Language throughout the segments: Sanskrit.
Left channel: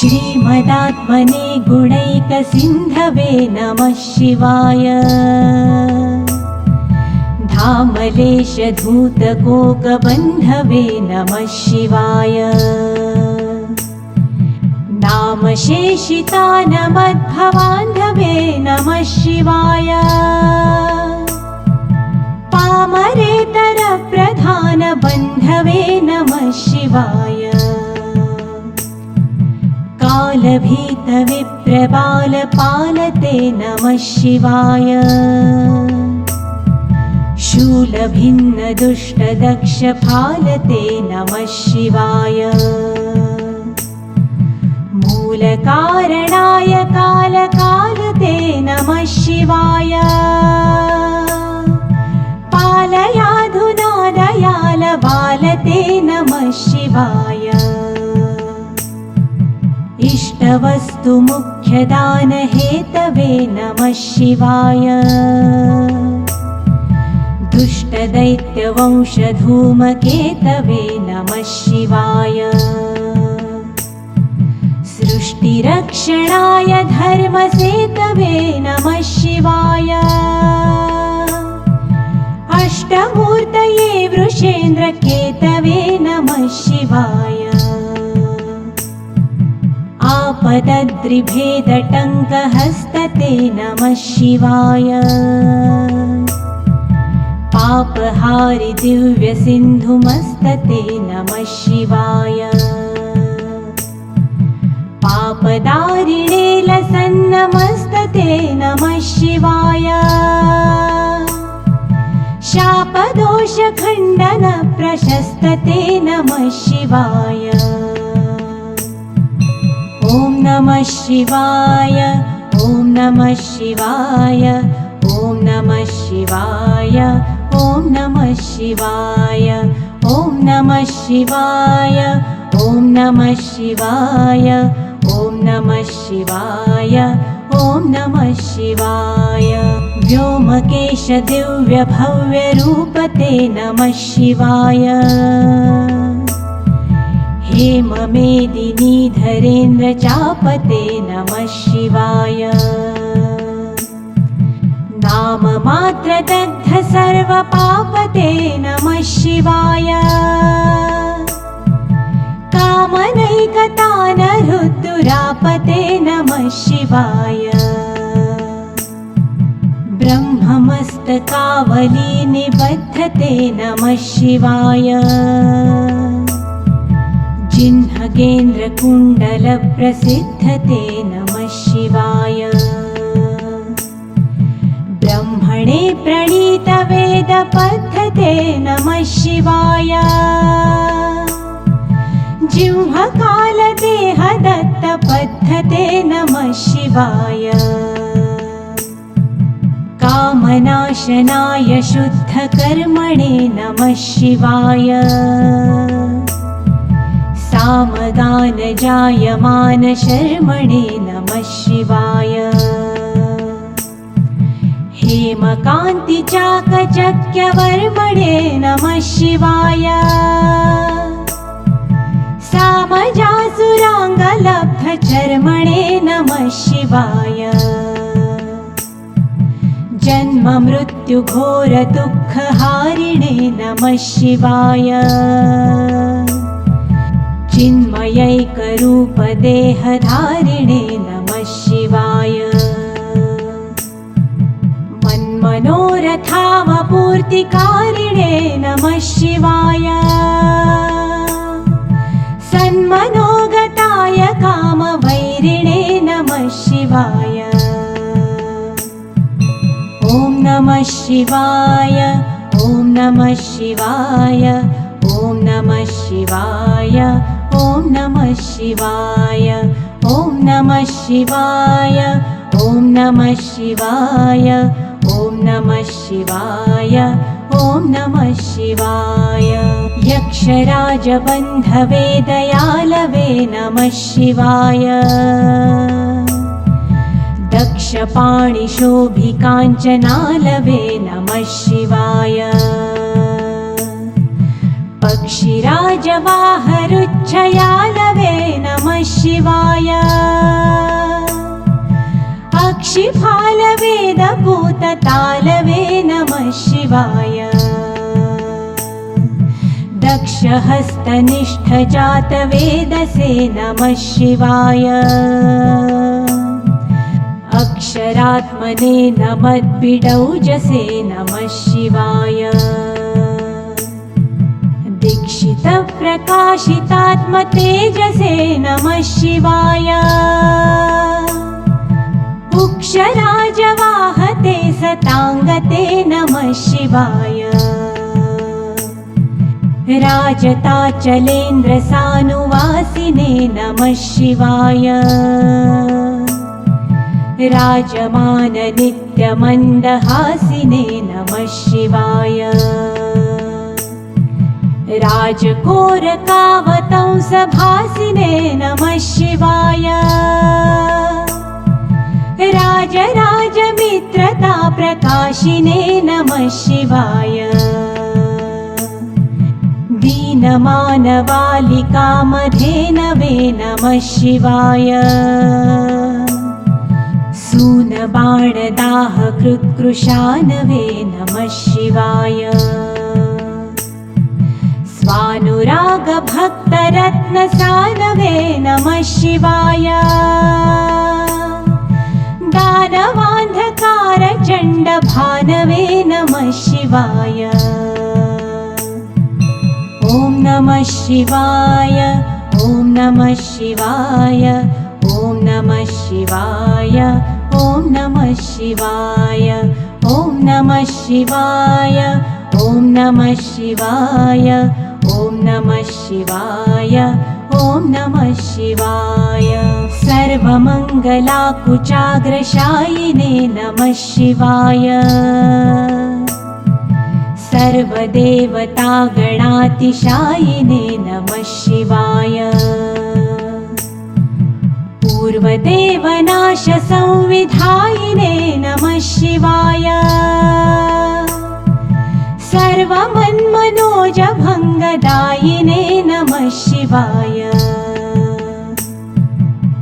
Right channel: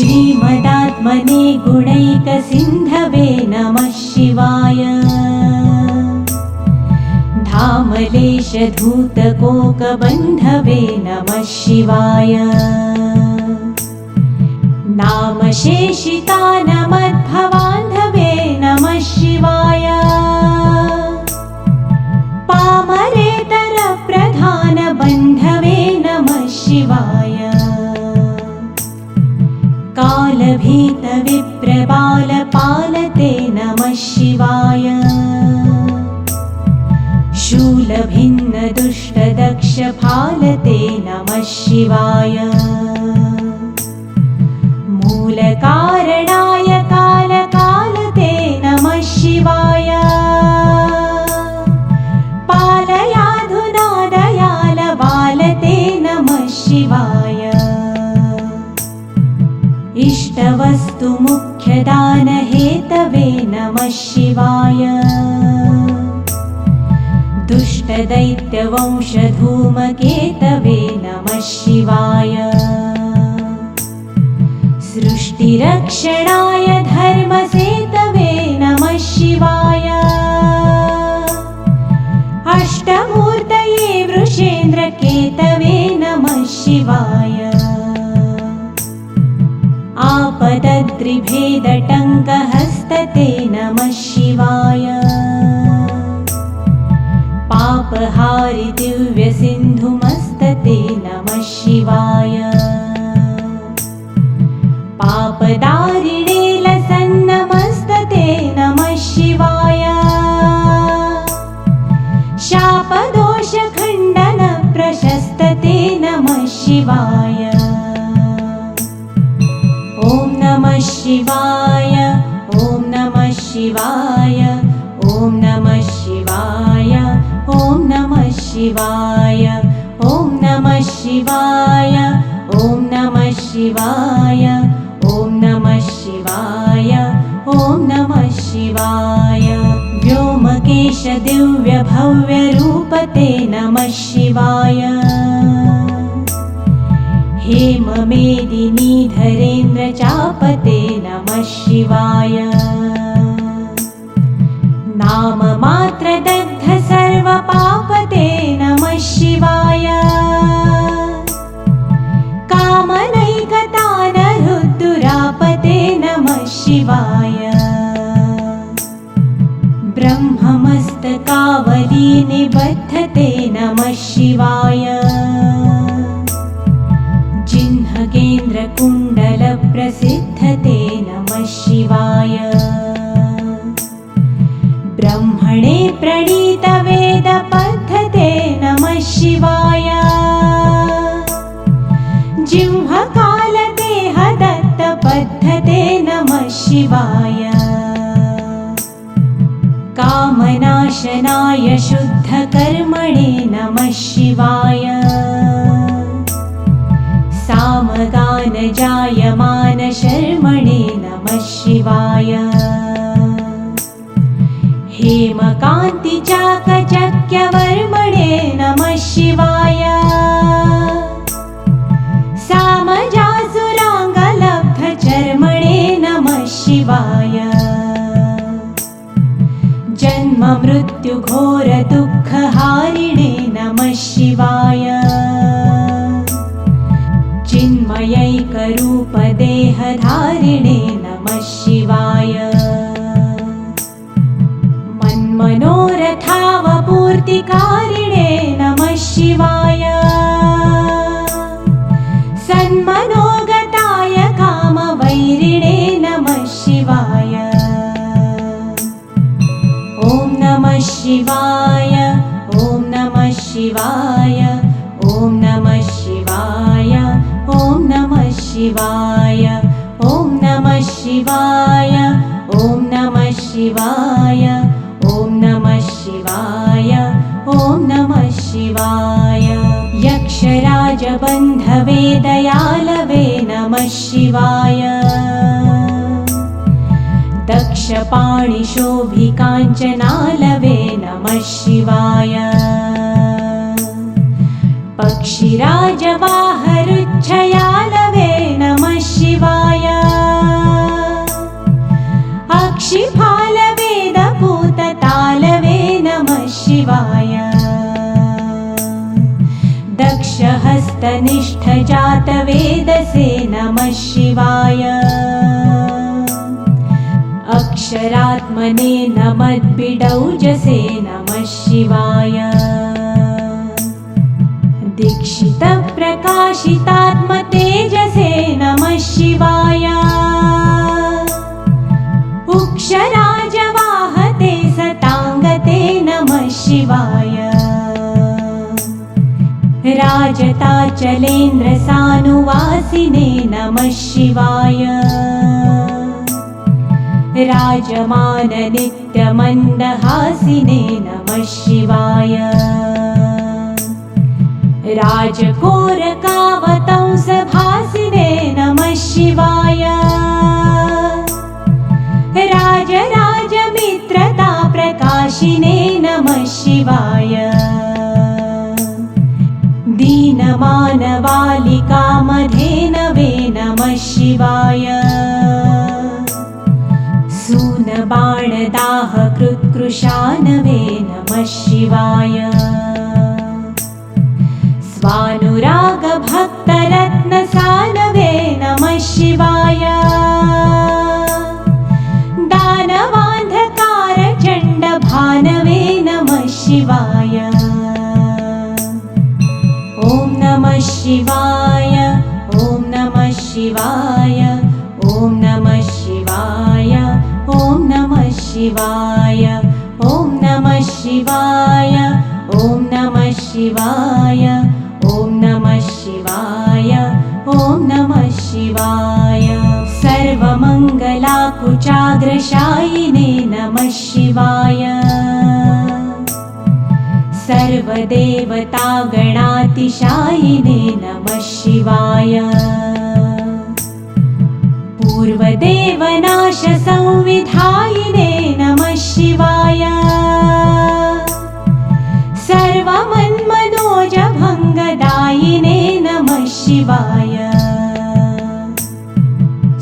श्रीमदात्मने गुणैकसिन्धवे नमः शिवाय। धामलेशधूतकोकबन्धवे नमः शिवाय। नामशेषितानमद्भवान्धवे नमः शिवाय। पामरेतरप्रधानबन्धवे नमः शिवाय। कालभीतविप्रबालपालते नमः शिवाय। शूलभिन्नदुष्टदक्षफालते नमः शिवाय। मूलकारणाय कालकालते नमः शिवाय। पालयाधुना दयालबालते नमः शिवाय। इष्टवस्तुमुख्यदानहेतवे नमः शिवाय। दुष्टदैत्यवंशधूमकेतवे नमः शिवाय। सृष्टिरक्षणाय धर्मसेतवे नमः शिवाय। अष्टमूर्तये वृषेन्द्रकेतवे नमः शिवाय। आपदद्रिभेदटङ्कहस्तते नमः शिवाय। पापहारि दिव्यसिन्धुमस्तते नमः शिवाय। पापदारिणे लसन्नमस्तते नमः शिवाय। शापदोषखण्डनप्रशस्तते नमः शिवाय। ॐ नमः शिवाय। ॐ नमः शिवाय। ॐ नमः शिवाय। ॐ नमः शिवाय। ॐ नमः शिवाय। ॐ नमः शिवाय। ॐ नमः शिवाय। ॐ नमः शिवाय। व्योमकेश दिव्यभव्यरूपते नमः शिवाय। हेममेदिनीधरेन्द्रचापते नमः शिवाय। नाममात्रदग्ध सर्वपापते नमः शिवाय। कामनैकतानरुद्दुरापते नमः शिवाय। ब्रह्ममस्तकावली निबद्धते नमः शिवाय। चिह्नकेन्द्रकुण्डलप्रसिद्धते नमः शिवाय। ब्रह्मणे प्रणीतवेदपद्धते नमः शिवाय। जिह्वकालदेहदत्तपद्धते नमः शिवाय। कामनाशनाय शुद्धकर्मणे नमः शिवाय। सामगानजायमानशर्मणे नमः शिवाय। हेमकान्तिचाकचक्यवर्मणे नमः शिवाय। सामजासुराङ्गलब्धचर्मणे नमः शिवाय। जन्ममृत्युघोरदुःखहारिणे नमः शिवाय। चिन्मयैकरूपदेहधारिणे नमः शिवाय। मन्मनोरथावपूर्तिकारिणे नमः शिवाय। सन्मनोगताय कामवैरिणे नमः शिवाय। ॐ नमः शिवाय। ॐ नमः शिवाय। ॐ नमः शिवाय। ॐ नमः शिवाय। ॐ नमः शिवाय। ॐ नमः शिवाय। ॐ नमः शिवाय। ॐ नमः शिवाय। यक्षराजबन्धवे दयालवे नमः शिवाय। दक्षपाणिशोभिकाञ्चनालवे नमः शिवाय। पक्षिराजवाहरुच्छयालवे नमः शिवाय। अक्षिफालवेदभूततालवे नमः शिवाय दक्षहस्तनिष्ठजातवेदसे नमः शिवाय अक्षरात्मने नमद्बिडौजसे नमः शिवाय दीक्षितप्रकाशितात्मतेजसे नमः शिवाय उक्षराजवाहते सताङ्गते नमः शिवाय राजताचलेन्द्रसानुवासिने नमः शिवाय राजमाननित्यमन्दहासिने नमः शिवाय राजकोरकावतंसभासिने नमः शिवाय राजराजमित्रताप्रकाशिने नमः शिवाय दीनमानवालिकामधेनवे नमः शिवाय सूनबाणदाहकृत्कृशानवे नमः शिवाय स्वानुरागभक्तरत्नसानवे नमः शिवाय दानवान्धकारचण्डभानवे नमः शिवाय ॐ नमः शिवाय ॐ नमः शिवाय ॐ नमः शिवाय ॐ नमः शिवाय ॐ नमः शिवाय ॐ नमः शिवाय ॐ नमः शिवाय ॐ नमः शिवाय सर्वमङ्गलाकुचाग्रशायिने नमः शिवाय सर्वदेवतागणातिशायिने नमः शिवाय पूर्वदेवनाशसंविधायिने नमः शिवाय सर्वमन्मनोजभङ्गदायिने नमः शिवाय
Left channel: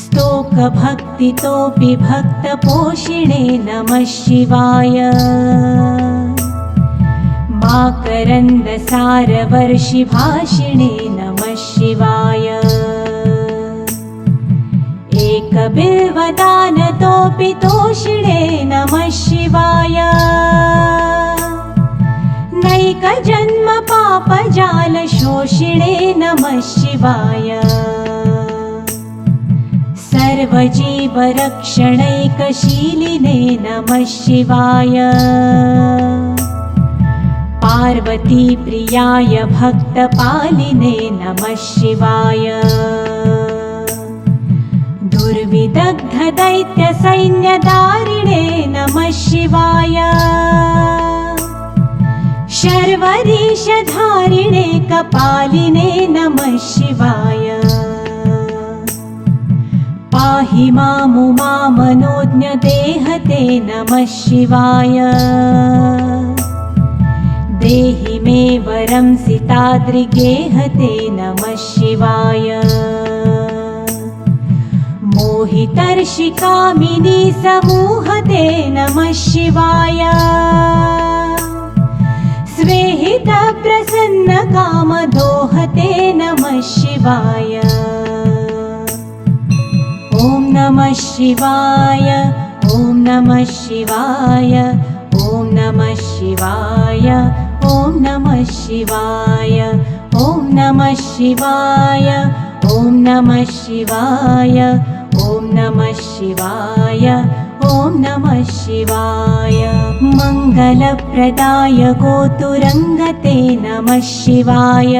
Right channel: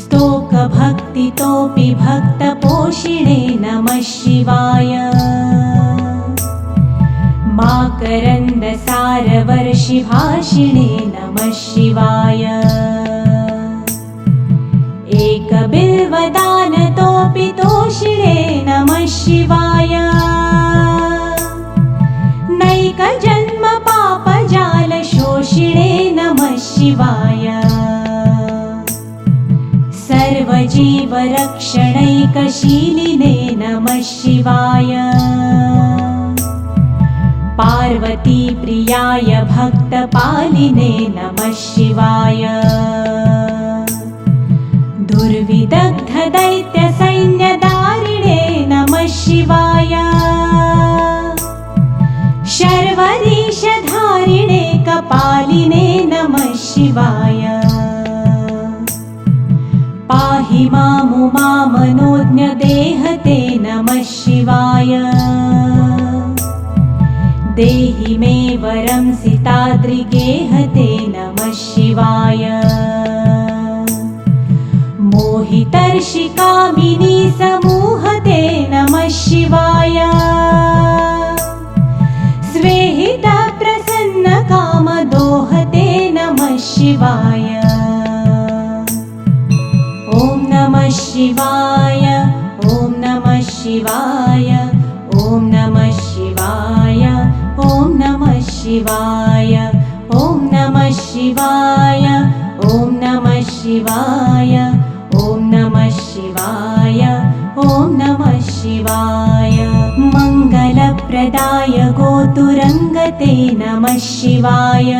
स्तोकभक्तितोऽपि भक्तपोषिणे नमः शिवाय माकरन्दसारवर्षिभाषिणे नमः शिवाय एकबिल्वदानतोऽपि तोषिणे नमः शिवाय नैकजन्मपापजालशोषिणे नमः शिवाय सर्वजीवरक्षणैकशीलिने नमः शिवाय पार्वतीप्रियाय भक्तपालिने नमः शिवाय दुर्विदग्धदैत्यसैन्यदारिणे नमः शिवाय शर्वरीशधारिणे कपालिने नमः शिवाय पाहि मामुमामनोज्ञदेहते नमः शिवाय देहि मे वरं सिताद्रिगेहते नमः शिवाय मोहितर्षिकामिनी समूहते नमः शिवाय स्वेहितप्रसन्नकामदोहते नमः शिवाय ॐ नमः शिवाय ॐ नमः शिवाय ॐ नमः शिवाय ॐ नमः शिवाय ॐ नमः शिवाय ॐ नमः शिवाय ॐ नमः शिवाय ॐ नमः शिवाय मङ्गलप्रदाय गोतुरङ्गते नमः शिवाय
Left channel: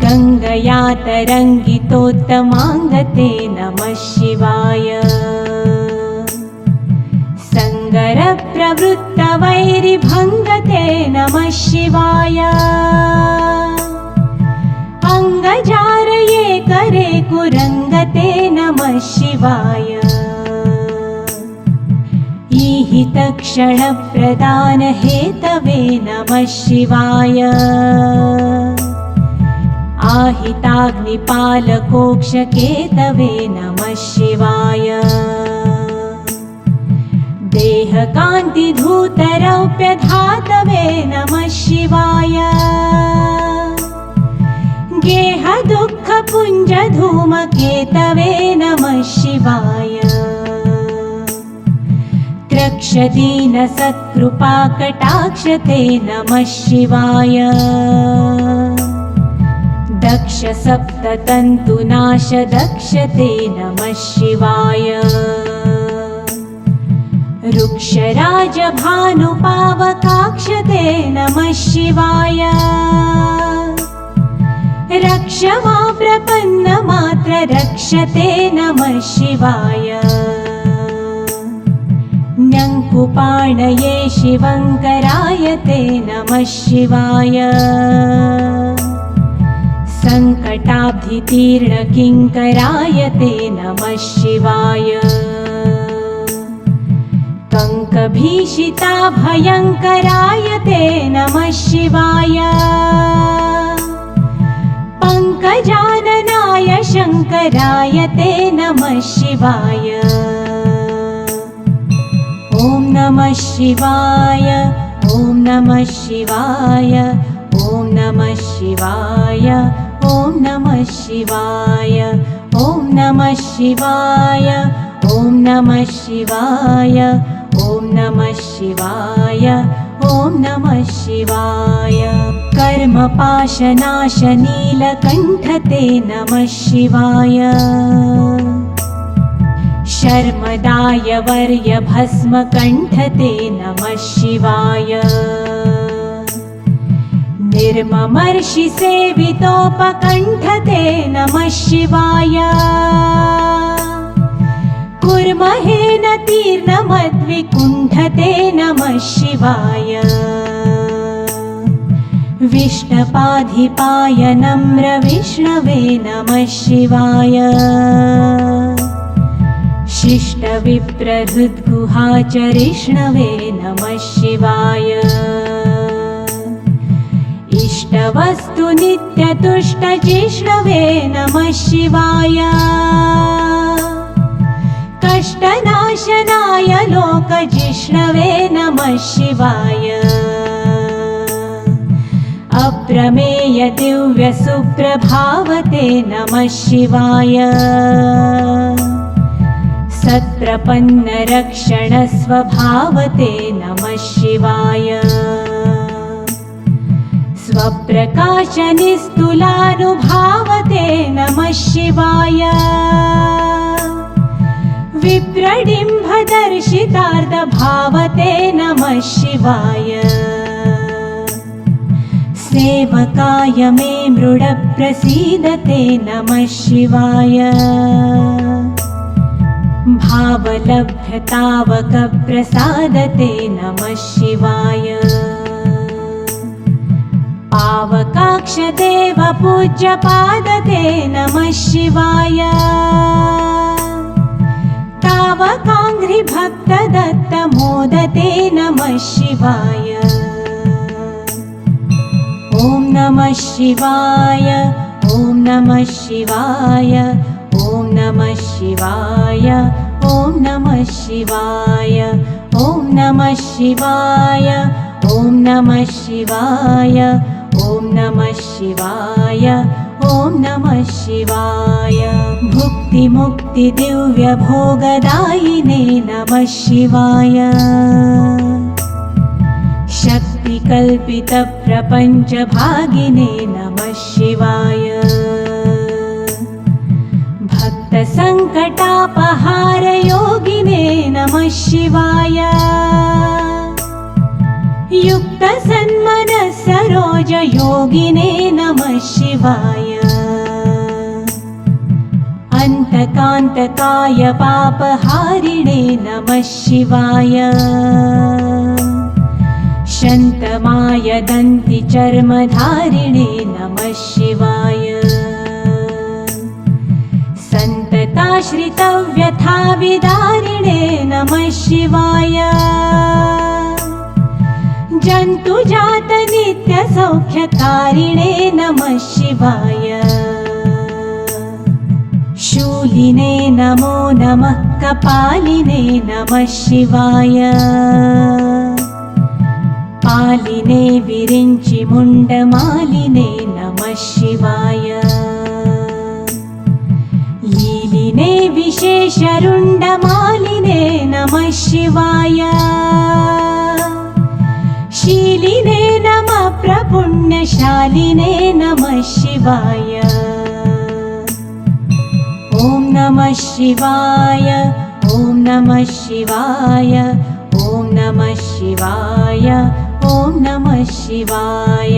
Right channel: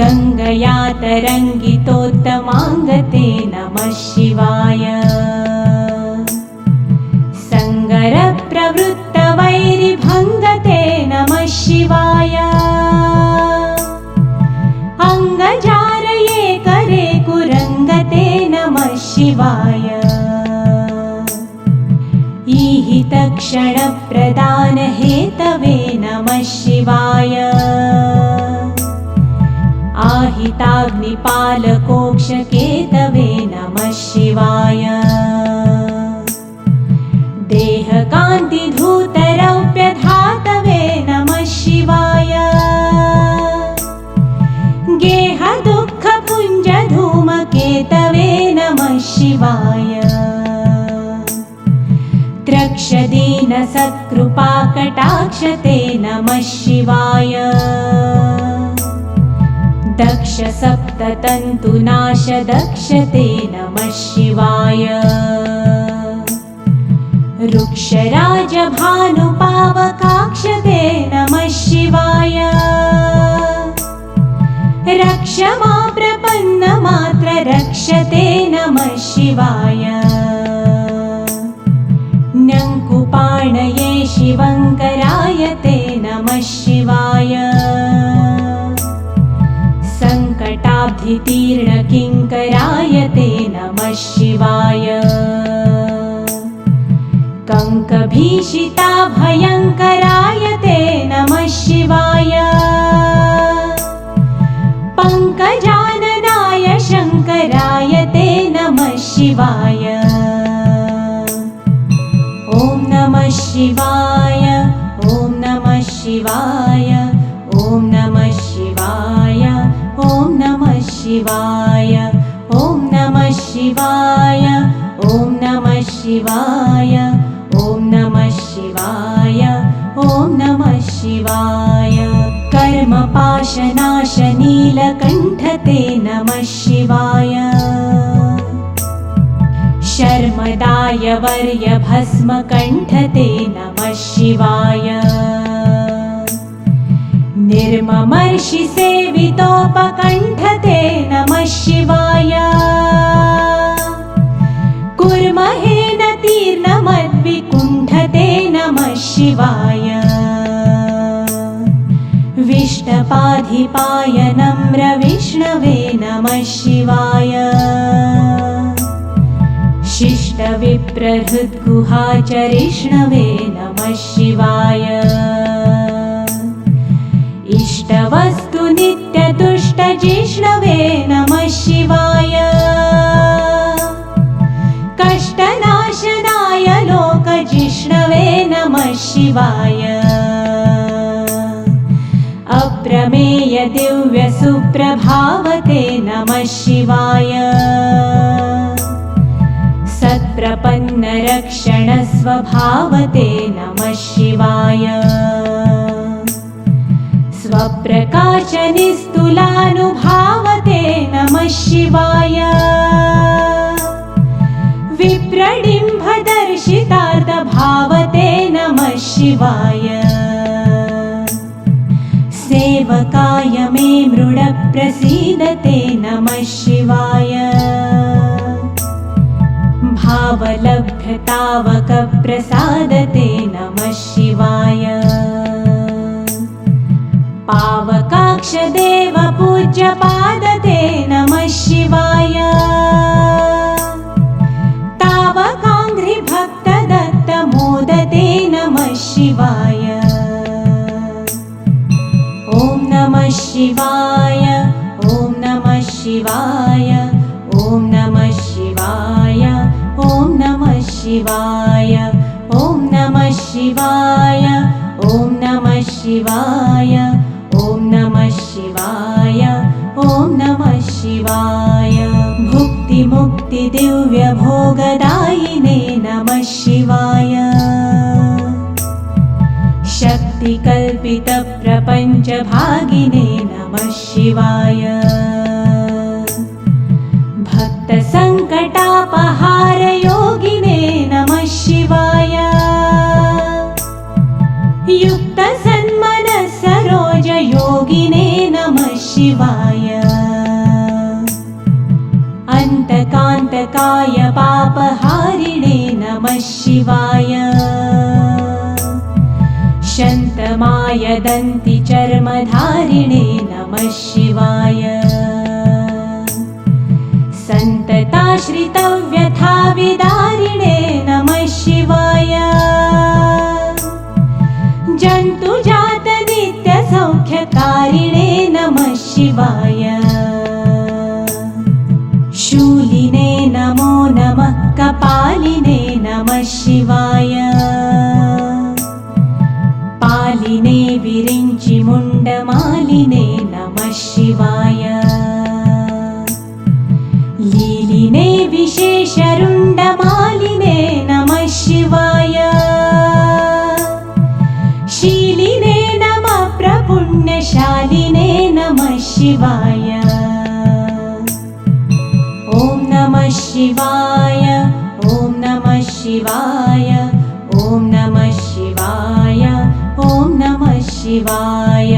गङ्गया तरङ्गितोत्तमाङ्गते नमः शिवाय सङ्गरप्रवृत्तवैरिभङ्गते नमः शिवाय अङ्गजारये करे कुरङ्गते नमः शिवाय ईहितक्षणप्रदानहेतवे नमः शिवाय आहिताग्निपालकोक्षकेतवे नमः शिवाय। गेहकान्तिधूतरौप्यधातवे नमः शिवाय गेहदुःखपुञ्जधूमकेतवे नमः शिवाय त्रक्षदीनसत्कृपाकटाक्षते नमः शिवाय दक्षसप्ततन्तुनाशदक्षते नमः शिवाय वृक्षराजभानुपावकाक्षते नमः शिवाय रक्ष मां प्रपन्नमात्र रक्षते नमः शिवाय न्यङ्कुपाणये शिवङ्करायते नमः शिवाय सङ्कटाब्धितीर्णकिङ्करायते नमः शिवाय कङ्कभीषिताभयङ्करायते नमः शिवाय पङ्कजाननाय शङ्करायते नमः शिवाय ॐ नमः शिवाय ॐ नमः शिवाय ॐ नमः शिवाय ॐ नमः शिवाय ॐ नमः शिवाय ॐ नमः शिवाय ॐ नमः शिवाय ॐ नमः शिवाय कर्मपाशनाशनीलकण्ठते नमः शिवाय शर्मदाय वर्यभस्मकण्ठते नमः शिवाय निर्ममर्षिसेवितोपकण्ठते नमः शिवाय कुर्महेदतीर्णमद्विकुण्ठते नमः शिवाय विष्टपाधिपाय नम्रविष्णवे नमः शिवाय शिष्टविप्रहृद्गुहाचरिष्णवे नमः शिवाय इष्टवस्तुनित्यतुष्टजिष्णवे नमः शिवाय कष्टनाशनाय लोकजिष्णवे नमः शिवाय अप्रमेय दिव्यसुप्रभावते नमः शिवाय सत्प्रपन्नरक्षणस्वभावते नमः शिवाय स्वप्रकाशनिस्तुलानुभावते नमः शिवाय विप्रडिम्भदर्शितार्थभावते नमः शिवाय सेवकाय मे मृडप्रसीदते नमः शिवाय भावलभ्यतावकप्रसादते नमः शिवाय पावकाक्षदेवपूज्यपादते नमः शिवाय तावकाङ्घ्रिभक्तदत्तमोदते नमः शिवाय ॐ नमः शिवाय ॐ नमः शिवाय ॐ नमः शिवाय ॐ नमः शिवाय ॐ नमः शिवाय ॐ नमः शिवाय ॐ नमः शिवाय ॐ नमः शिवाय भुक्तिमुक्तिदिव्यभोगदायिने नमः शिवाय शक्तिकल्पितप्रपञ्चभागिने नमः शिवाय भक्तसङ्कटापहारयोगिने नमः शिवाय युक्तसन्मनस्सरोजयोगिने नमः शिवाय अन्तकान्तकाय पापहारिणे नमः शिवाय शन्तमाय दन्तिचर्मधारिणे नमः शिवाय सन्तताश्रितव्यथाविदारिणे नमः शिवाय जन्तुजातनित्यसौख्यकारिणे नमः शिवाय शूलिने नमो नमः। पालिने नमः शिवाय पालिने विरिञ्चि मुण्डमालिने नमः शिवाय लीलिने विशेषरुण्डमालिने नमः शिवाय शीलिने नमः प्रपुण्यशालिने नमः शिवाय ॐ नमः शिवाय ॐ नमः शिवाय ॐ नमः शिवाय ॐ नमः शिवाय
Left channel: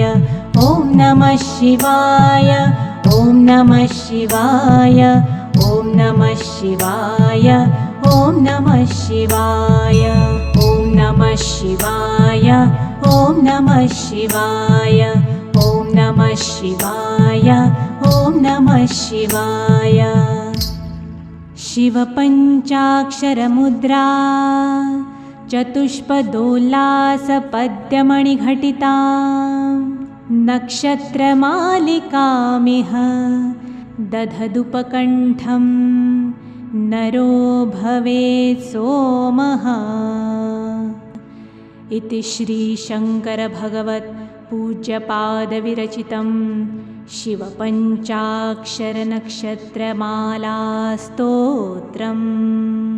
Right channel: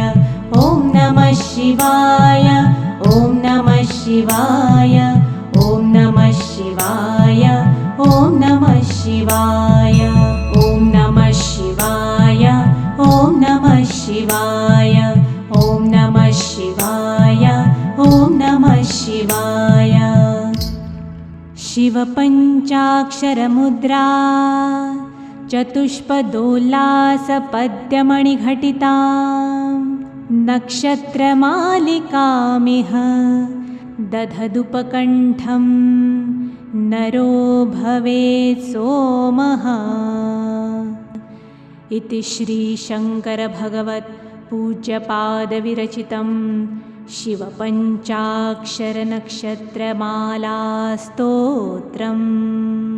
ॐ नमः शिवाय ॐ नमः शिवाय ॐ नमः शिवाय ॐ नमः शिवाय ॐ नमः शिवाय ॐ नमः शिवाय ॐ नमः शिवाय ॐ नमः शिवाय शिवपञ्चाक्षरमुद्रा चतुष्पदोल्लासपद्यमणिघटिता नक्षत्रमालिकामिह दधदुपकण्ठं नरो भवेत् सोमः इति श्रीशङ्करभगवत्पूज्यपादविरचितं शिवपञ्चाक्षरनक्षत्रमालास्तोत्रम्।